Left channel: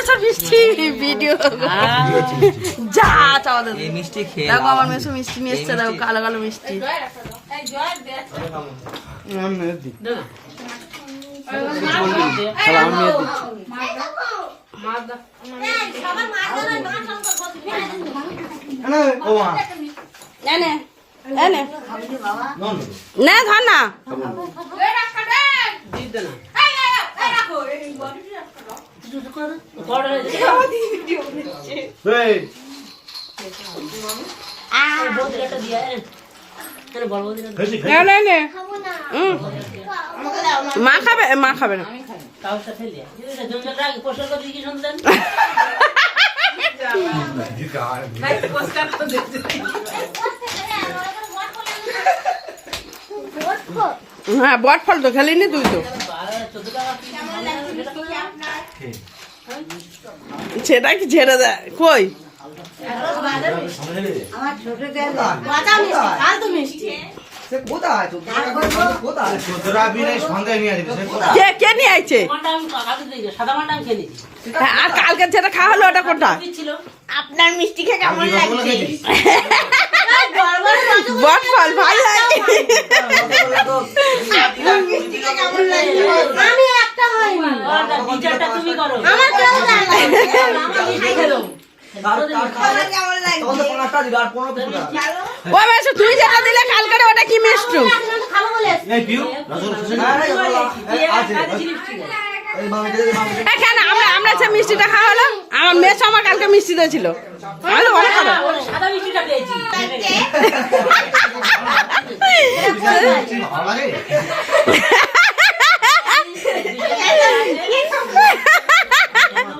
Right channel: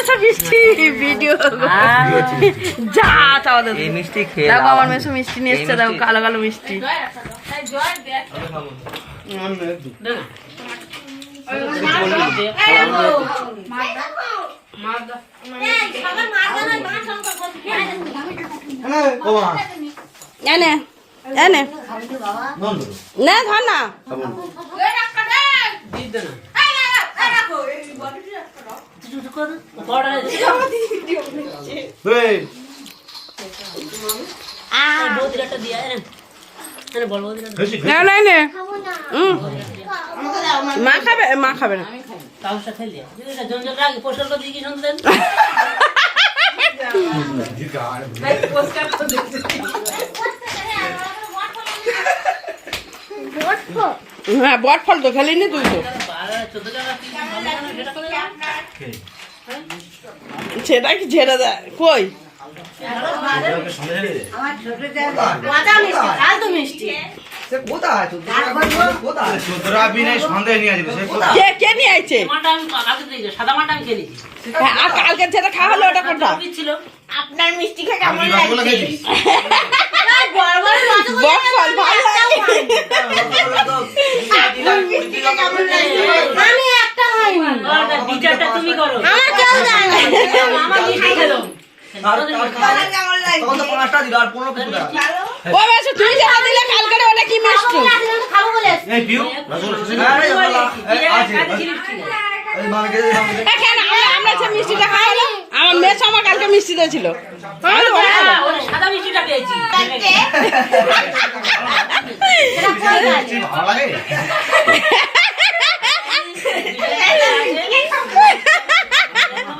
মেসো মিষ্টি ভিডিও যা চাওয়া এই মিষ্টি খেয়ে দেখো আমার মিষ্টি নিয়ে এসছে দেখো কালো কালো মিষ্টি। এনে এনে না ধর না। মা খাবে মা খাবে না হ্যাঁ বট ফল তো খেলিনি তুই তো। সেটা কি ছেড়ে দেয় কই? হ্যাঁ, আর কালকে যেটা খাওয়া হলো ওটা কোনটা? আপনার মিষ্টি খেয়ে কেমন লাগছে বট ফল ভাই আমি একটা দ্বিতীয়টা তুমি করো। আমার কেমন লাগছে? আমার মিষ্টি? খেলো আমরা আমরা সে মিষ্টিটা খাওয়ালো আমার মেয়ে আমার কালকে মিষ্টি দিয়েছিল। ওটা খাব। সাদা মিষ্টিটা পেয়েছি ভয়সা আছে ভাই তুই রাখ নামা বলে আমি তুলছি মালা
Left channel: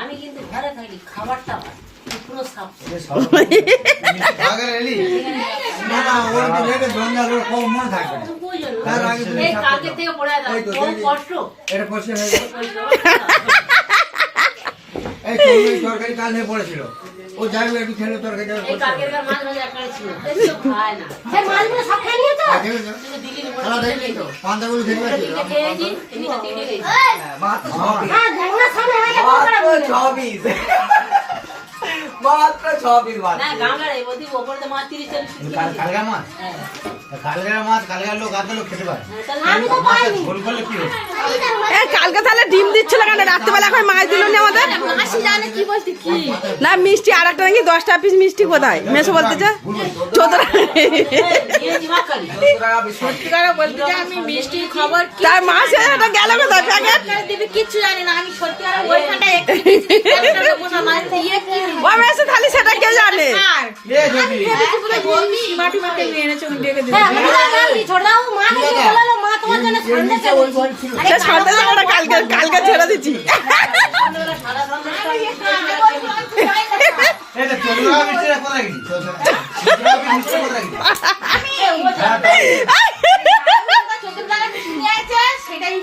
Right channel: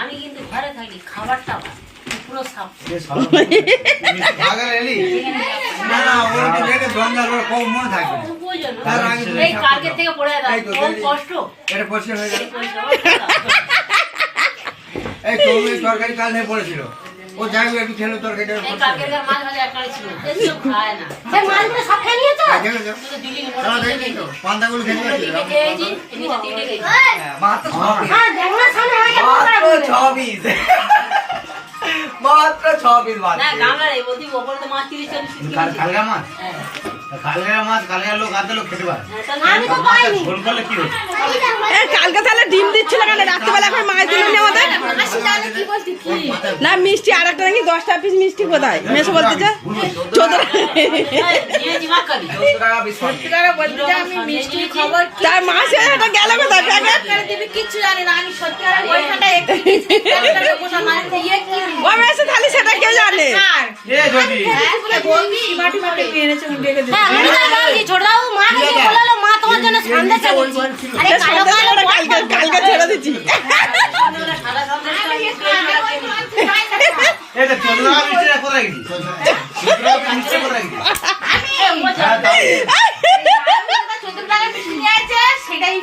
আমি কিন্তু ঘরে থাকি খাবারটা পুরো সাপ। এই তরকারি কাল নিয়ে পড়েছিল। ও যাই হোক একটু ছেলে তরকারিটা এই কাকের মাছ ভাজা একটা ছিল এসব খায় না। এই মাছগুলো সব খেয়ে নিয়েছো? দিলি দেখেছ? দেখি তো? পান্তাগুলো পারছিল দিকে খেয়েছি দিকে খেয়েছি হ্যাঁ, মাত্র হ্যাঁ দেখো না সামনে হয়ে গেল করে বলবে। মাত্র ছ বাদ না বলছি ওপরে তো মাছ কাল-। মাছ? হ্যাঁ। কালকা মাছ কালকার লোক আধা লোক খেতে পারে। হ্যাঁ, আমি তো পাইনি। ভুল করলে কি হচ্ছে? এ কালকে তাহলে ডিম দিচ্ছিল কেন? রাত্রিবেলা এখন মাছ দিল নি আমাদের? মাসি জানে কি বলতে কি? না মিষ্টি আর একটা নাকি দশটা পিস মিষ্টি কোথায় মেসো তার মাসে গেল কোথায়? প্যাকেট? দিবি জানি না আমি সত্যি আর ওইখানটা একটু একটা মোটা মাছ দিয়ে কি ও মেসে তাহলে মাটি মাটি নিয়ে এনেছে মা বলল মা তোমার জন্য সন্দেশ সন্দেশ কালকে কালকে ছেড়ে। এটা গেছি সেটাই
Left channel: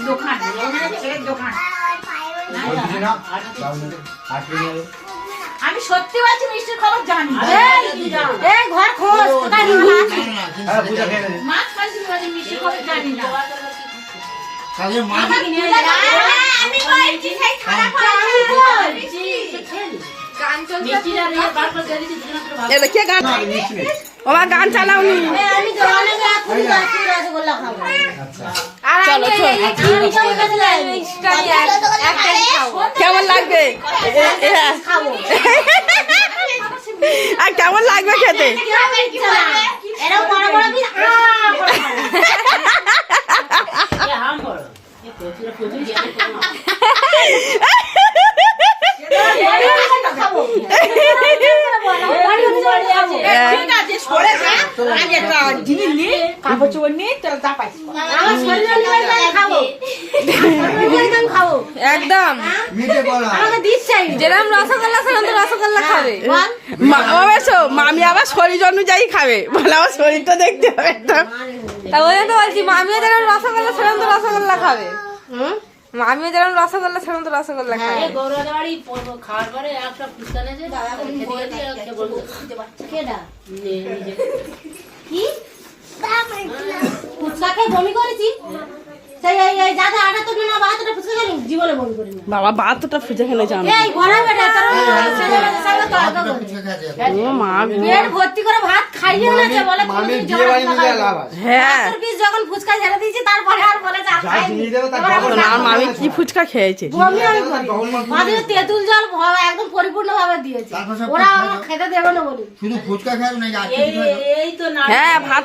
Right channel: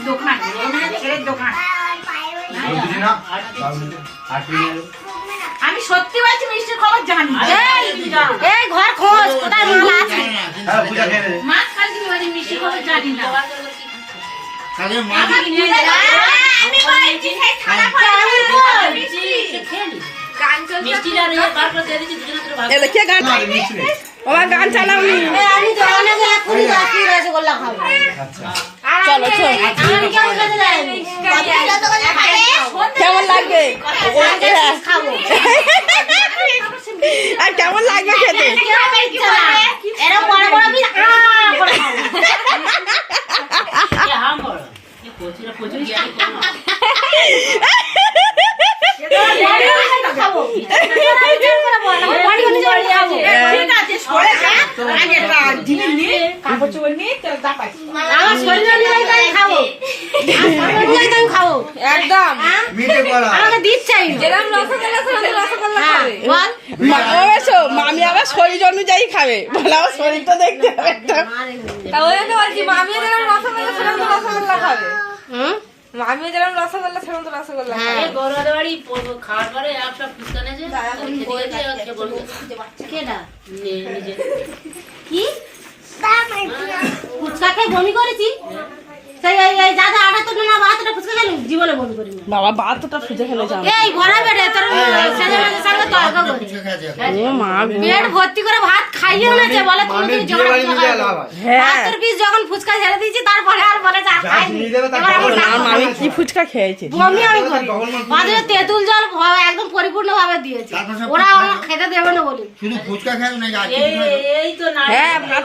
দোকান ছেলের দোকান। না আলু। আমি সত্যি বলছি মিষ্টির খবর জানি এই, ঘর খোঁজ কোথায় মাল আছে? হ্যাঁ নেবে। মাছ খাইছি মিষ্টির খবর জানি না। আমি বলছি সেই খারাপ মিষ্টি বলছি নি। ইয়ে এটা কে গান? না, এই মিষ্টি নেই। ও মা গান বাকি রসগোল্লা খাব। আচ্ছা চলো চলো। কেমন লাগবে? হ্যাঁ। আর কেমন লাগবে খেতে? মামি আবার শরীর অনুযায়ী খাবে বলে আমার শরীরটা দেখতে হবে একটা মামিও রসগোল্লা রসগোল্লা খাবে হুম? মামিও যেরকম রসগোল্লা সেরকম তো রসগোল্লা হ্যাঁ। বাড়ি পড়বো- খাওয়ার পরে একটা ফুচকা নিজে। কি? ফুচকা খেয়ে বমি করেছি? সেই এই এই যাদের আঠাত্তর না বাহাত্তরটা ফুচকা খেলাম জীবনে বমি করি না। বাবা বাহাত্তরটা খুঁজে খেলে জানো এই ঘোড়া বেড়ে তোর সেজনের সঙ্গে তর্ক করি। ও মা পেট ভর্তি করে ভাত খাইয়ে এনেছে বলে তুমি আমি তুমি হ্যাঁ। যখন ছেড়ে দিয়েছি তারপরে আর বলে যে খাইনি। এবার কি ফুচকা খেয়েছে? বমি আমি করি। মাঝে তেঁতুল জল একদম পরিপূর্ণ ভাবে দিয়েছে ওরা আমার খেতে দেবে না বলি। শুধু ফুচকা খাবে এই এই তো না হ্যাঁ ভাত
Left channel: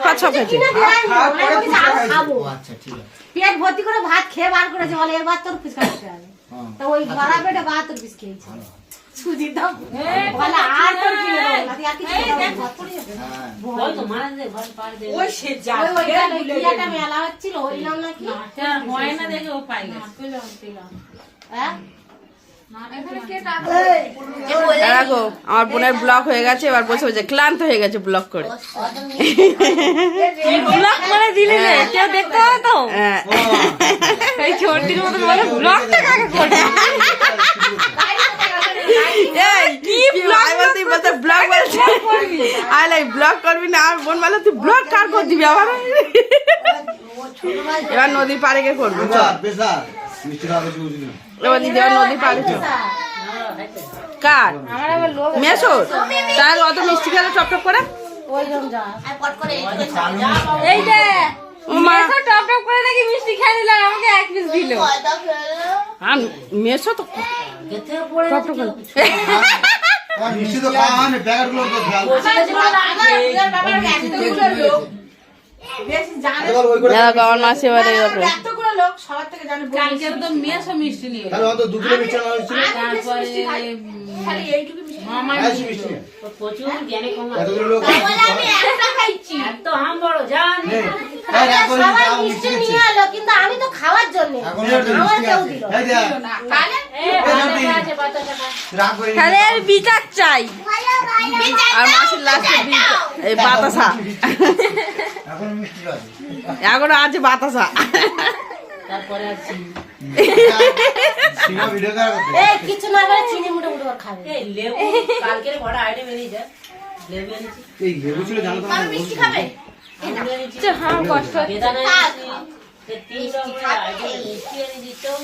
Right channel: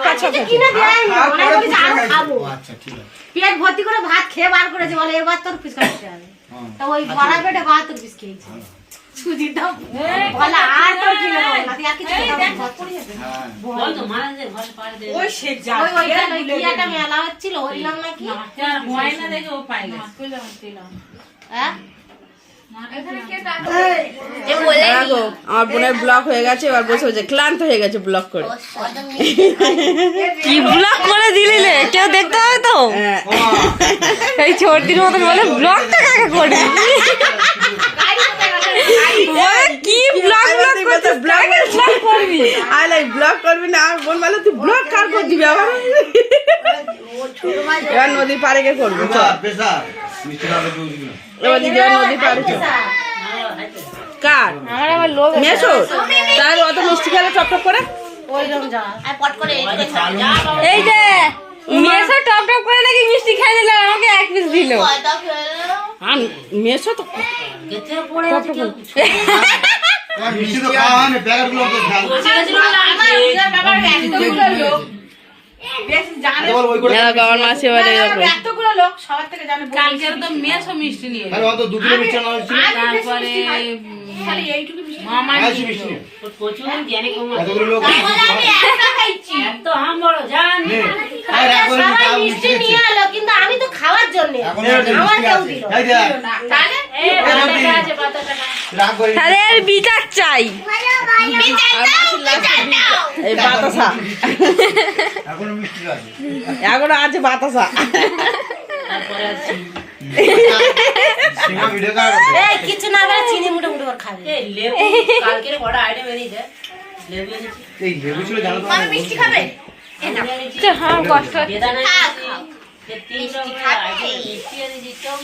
কিনে দেয় না ওরা বলেছে আরও খাব। আচ্ছা ঠিক আছে। পেট ভর্তি করে ভাত খেয়ে বার করেছে বলে এবার তোর ফুচকা খেতে হবে। তো ওই ভরা পেটে তোর পিস খেয়েছে। সুজির দাম বলে আর তোর কিনে দেবো না তুই কিছু খেতে। হ্যাঁ। ওই মেলা হচ্ছিল নাম নাকি? হ্যাঁ? দেখো আমার বোনের ব্লক হয়ে গেছে এবার বসে বসে ক্লান্ত হয়ে গেছে ব্লক করে। কি ব্লগ করে দিলি রে? কেউ দেখতে পাবে তো? হ্যাঁ। এই ছোটির মতন বলে ব্লগটা কাকে করে এই, কি ব্লগ এবার তুই বলতে ব্লগ বলছিস আই লাইক ব্লগ করবি? না বোন বলে তুই ব্লক কার করে দিবি আবার এবার নদীর পাড়ে গিয়ে করবি এবার দিদি এবার নদীর পাড়ে চল। কার? মেসো তাহলে অত মিষ্টি খেলে টপ টপ করে? এই যে মেসো টপ টপ করে দেখি মিষ্টি খেয়ে দিল আমাকে এক পিস দিল। আর মেসো তো টপ টপ কেউ করে। কিছু। মিষ্টি তো খাওয়া না তো আমার মাসি বড় মিষ্টি নিয়ে আমি তো খাওয়ার জন্য। বিচার চাই। আর মাসির লাস্টে বাতাসা। এখনও মিষ্টি আছে এখনও আছে বাতাসা। তারপরে আছে। সিনেমা ভিডিও কার করতে এই কিছু না করে চিনি মুটে মুটে করে খাবে। এই লেবু কালকের বড় আইটেম এনেছে লেবু এনেছি। এই লেবু ছিল জানো তো? মিষ্টি খাবে? হ্যাঁ কষ্ট বেদানা এনেছি। এই তিন রকমের আইটেম মিষ্টি এনেছি চোখ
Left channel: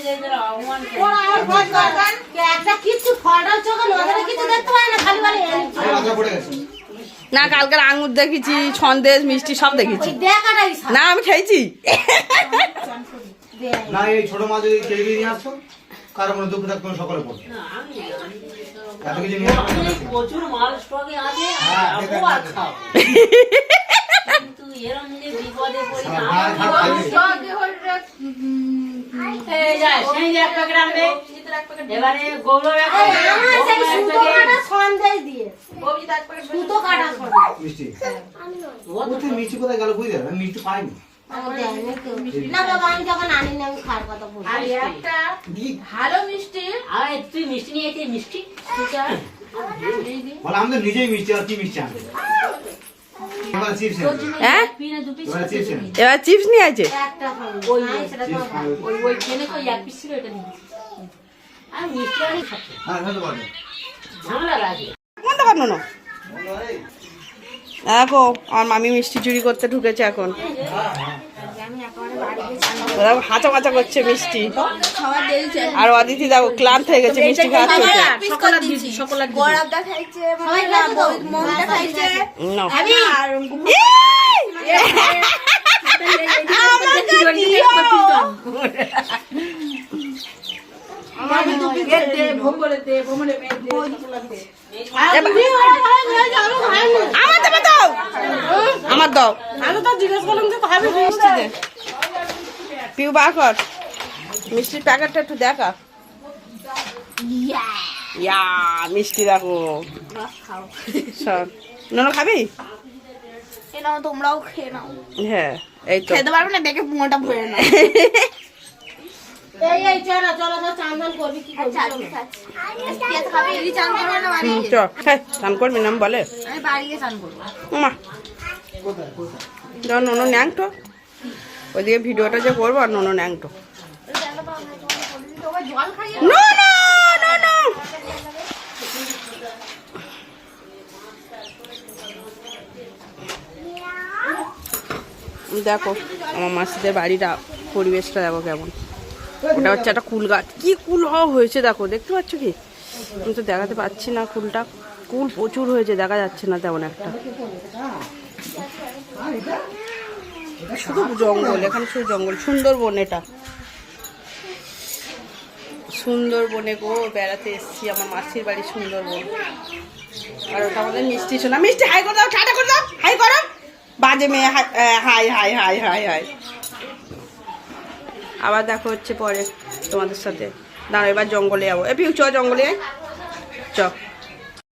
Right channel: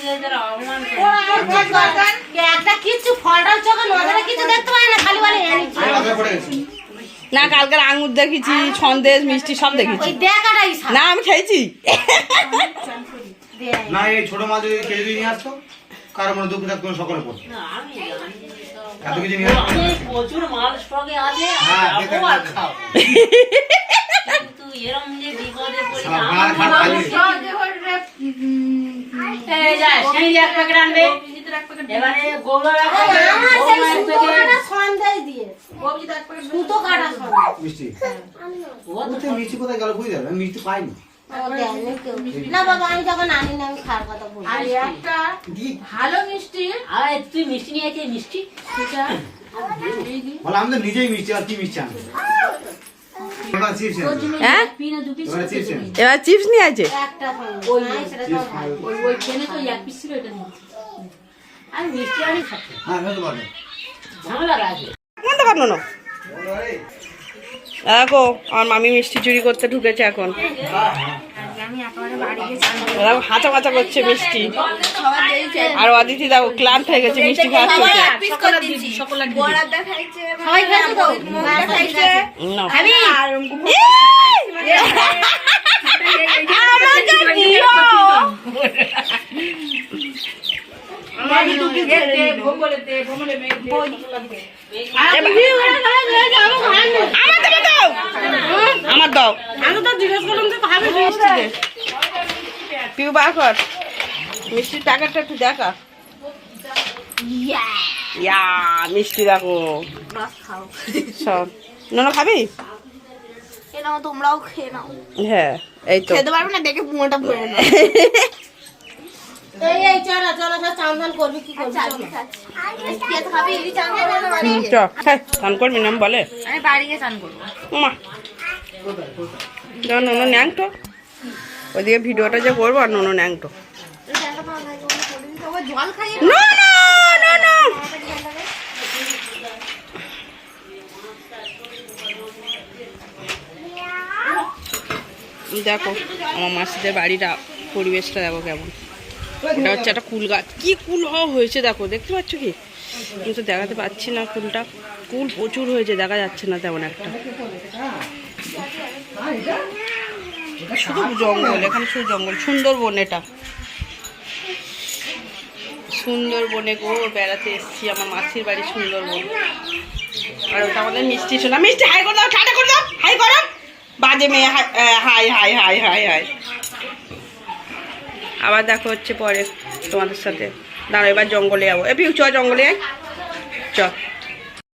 একটা কিছু নজরে কিছু দেখতে পারে না খালি বলে এনেছি মাথা পড়ে গেছে না কালকের আঙুর দেখেছি সন্দেশ মিষ্টি সব দেখেছি। না আমি খেয়েছি। না এই ছোট মাছ যদি কেজি নিয়ে আসতো কারও মনে দুঃখ থাকতো সকলে পড়তো না আমি জানি যে সব- এত কিছু নিয়ে প্রচুর মাল স্টকে আছে যাব দেখে আর দেখে। খাও কিন্তু এরম যে বিপদে পড়ি আমার ভাত ভাত খাইয়ে। এই যায় সেই এক প্যাকেট আনবে। এবারে গৌরব এক প্যাকেট, আমার গৌরব সেই এক প্যাকেট। কাটা সন্দেশ দিয়ে সুতো কাটা সন্দেশ মিষ্টি। ও তো মিষ্টি কোথায় গেল বুঝতে আমি মিষ্টি পাইনি। ও দেয়নি কেউ। না বাবা আমি যখন আনি না আমি খাওয়ার কথা বলছি। আর দি। আরে তুই মিষ্টি নিয়ে আইছিস মিষ্টি বলে আমি তো নিজেই মিষ্টি আর কি মিষ্টি আনব? এবার চিপস এনেছে। হ্যাঁ? চিপস নিয়ে আছে? একটা। ওই তো এক পিস ছিল এটা আমি মিষ্টি আনি হ্যাঁ ঝামেলা নো দেখো আমার মামি মিষ্টি চুরি করতে ঢুকেছে এখন দেখো হাঁচা মাচা করছে মিষ্টি আর অদিতি দেখো ক্লান্ত হয়ে গেছে মিষ্টি খাওয়ার চোখে না। আমার দাও আমার দাও। আমি তো জিজ্ঞেস করলাম যে খাবি মিষ্টি পিউ বার কর। মিষ্টির প্যাকেটটা একটু দেখা। ইয়া মিষ্টি দেখো। শোন। নোনো খাবি? তোমরাও খেয়ে নাও। হ্যাঁ এই তো। খেতে পারবে না দেখে পুরোটা ভরে নাও এই এই চলো চলো চলো চান করবি না বলে। আমি বাড়ি গিয়ে চান করব। মা যখন নোনো ন্যাংটো ওইদিকে ভিডিওটা যে করব আর নোনো ন্যাংটো. দেখো আমার মাসিদের বাড়িটা পরিবেশটা দেখো কেমন। ওটা হচ্ছে একটা কুল গাছ। কি কুল হয়েছে দেখো, দেখতে পাচ্ছ কি? আমি তো দেখাতে পাচ্ছি না কুলটা। কুল প্রচুর হয়েছে, দেখা যাচ্ছে না তেমন একটা। শুধু জঙ্গল, এখানে শুধু জঙ্গল, সুন্দরবন এটা। সুন্দরবনে গো, বেড়াতে এসেছি, আমার মাসির বাড়ি সুন্দরবন। আর ওটা আমাদের মিষ্টি শোনা। মিষ্টি, হাই করে দাও টাটা করে দাও, হাই করো। বাজে মেয়ে high high high high high. আবার দেখো হচ্ছে পরে তোমাদের সাথে। দাঁড়ো এবার জঙ্গলে যাব। এ পিউ, চ, জঙ্গলে চ।